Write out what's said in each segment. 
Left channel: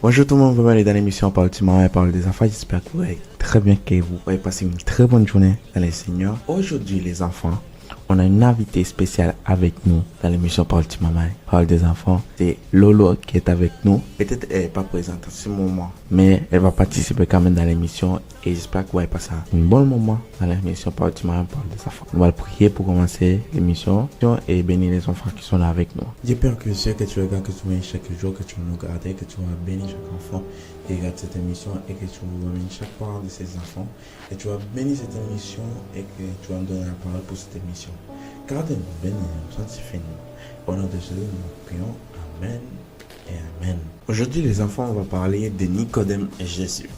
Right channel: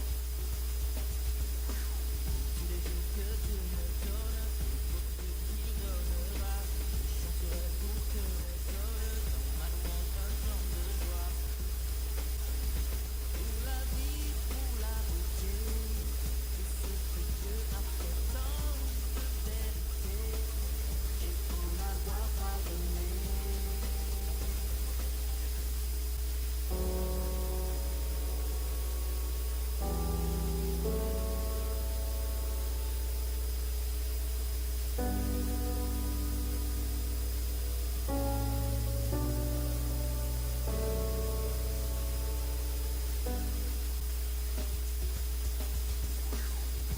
Bonjour tout le monde, bienvenue dans l'émission Parole du Maman et Parole des enfants. J'espère que vous allez très bien, que vous allez passer une très bonne journée dans les Seigneurs. Aujourd'hui les enfants, on a une invitée spéciale avec nous dans l'émission Parole du Maman et Parole des enfants. C'est Lolo qui est avec nous. Peut-être elle n'est pas présente en ce moment, mais elle va participer quand même dans l'émission et j'espère que vous allez passer un bon moment dans l'émission Parole du Maman et Parole des enfants. On va prier pour commencer l'émission et bénir les enfants qui sont là avec nous. Dieu Père que je sais que tu regardes, que tu viens chaque jour, que tu vas nous garder, que tu vas bénir chaque enfant qui regarde cette émission et que tu vas bénir chaque parole de ces enfants. Et tu vas bénir cette émission et que tu vas me donner la parole pour cette émission. Garde-nous, bénis-nous, sanctifie-nous. Au nom de Jésus, nous prions. Amen et Amen. Aujourd'hui, les enfants, on va parler de Nicodème et Jésus.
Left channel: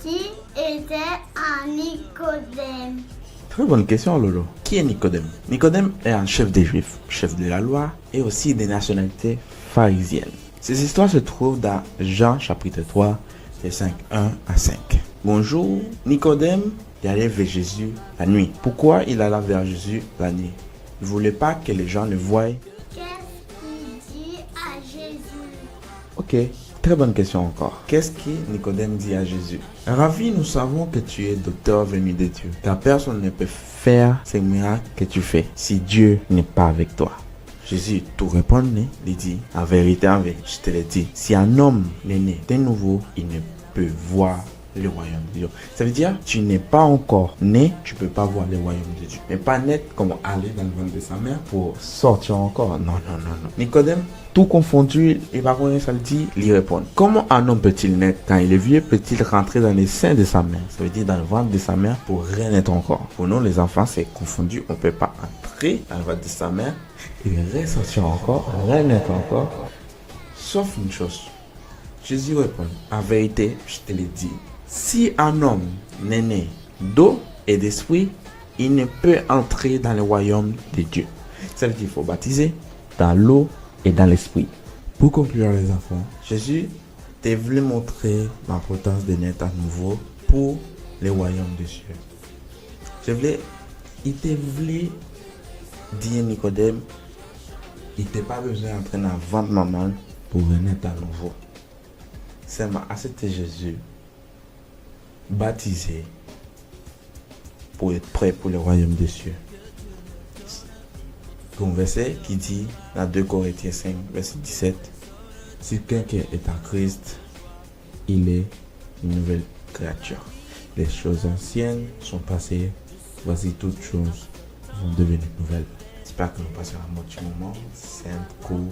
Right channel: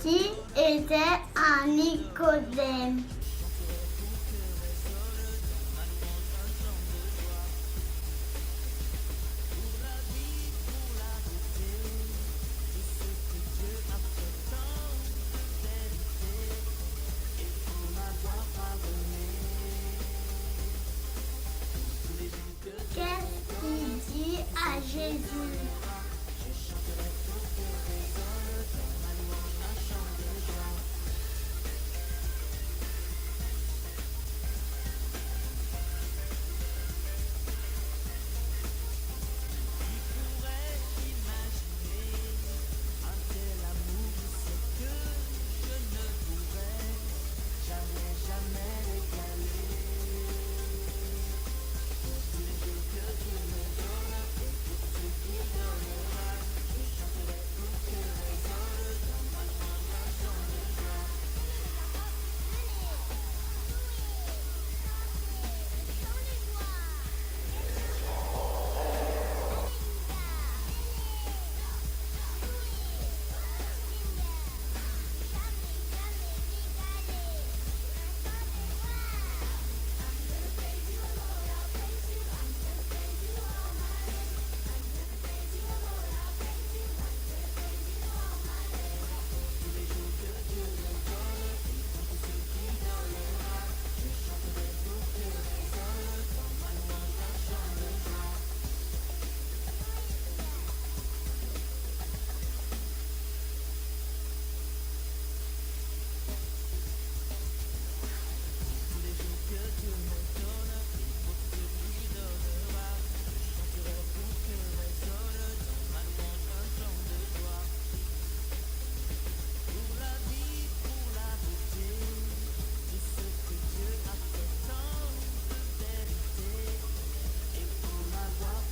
Qui était un Nicodème? Très bonne question, Lolo. Qui est Nicodème? Nicodème est un chef des Juifs, chef de la loi et aussi des nationalités pharisiennes. Ces histoires se trouvent dans Jean chapitre 3, versets 1 à 5. Bonjour, Nicodème est allé vers Jésus la nuit. Pourquoi il alla vers Jésus la nuit? Il ne voulait pas que les gens le voient. Qu'est-ce qu'il dit à Jésus? Ok, très bonne question encore. Qu'est-ce que Nicodème dit à Jésus? Ravi, nous savons que tu es docteur venu de Dieu, car personne ne peut faire ces miracles que tu fais si Dieu n'est pas avec toi. Jésus tout répondit, il dit, en vérité, je te le dis, si un homme n'est né de nouveau, il ne peut voir le royaume de Dieu. Ça veut dire, tu n'es pas encore né, tu ne peux pas voir le royaume de Dieu. Mais pas naître comme aller dans le ventre de sa mère pour sortir encore. Non, non, non, non. Nicodème, tout confondu, il va connaître ça, le dit, il répond. Comment un homme peut-il naître quand il est vieux? Peut-il rentrer dans les seins de sa mère? Ça veut dire dans le ventre de sa mère pour renaître encore. Pour nous, les enfants, c'est confondu. On ne peut pas entrer dans le ventre de sa mère. Il ressortir encore, renaître encore. Sauf une chose. Jésus répond, en vérité, je te le dis, si un homme n'est né d'eau et d'esprit, il ne peut entrer dans le royaume de Dieu. Ça veut dire qu'il faut baptiser dans l'eau et dans l'esprit. Pour conclure les enfants, Jésus t'a voulu montrer l'importance de naître à nouveau pour le royaume de Dieu. Il t'a voulu dire Nicodème, il n'a pas besoin d'entrer dans le ventre de maman pour renaître à nouveau. Seulement accepter Jésus, baptisé, pour être prêt pour le royaume des cieux. Un verset qui dit dans 2 Corinthiens 5, verset 17, si quelqu'un est en Christ, il est une nouvelle créature. Les choses anciennes sont passées, voici toutes choses vont devenir nouvelles. J'espère que nous passerons un bon petit moment. C'est un cours.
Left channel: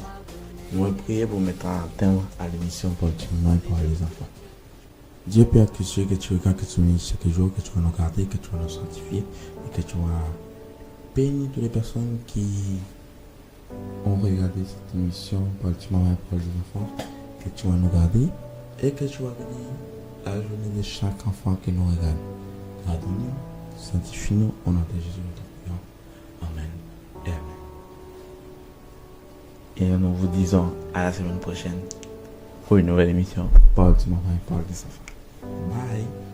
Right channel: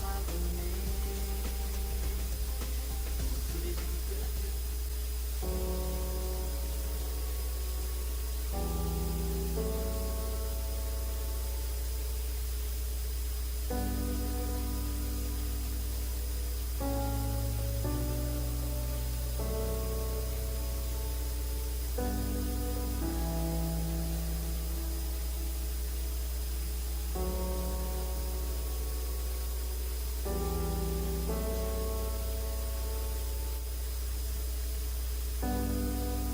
Nous allons prier pour mettre un terme à l'émission pour le moment pour les enfants. Dieu Père, que tu regardes, que tu nous chaque jour, que tu vas nous garder, que tu vas nous sanctifier, et que tu vas bénir toutes les personnes qui ont regardé cette émission pour le moment pour les enfants, que tu vas nous garder, et que tu vas bénir la journée de chaque enfant qui nous regarde. Amen. Sanctifie-nous au nom de Jésus. Et nous vous disons à la semaine prochaine pour une nouvelle émission. Parle du moment, parle des enfants. Bye.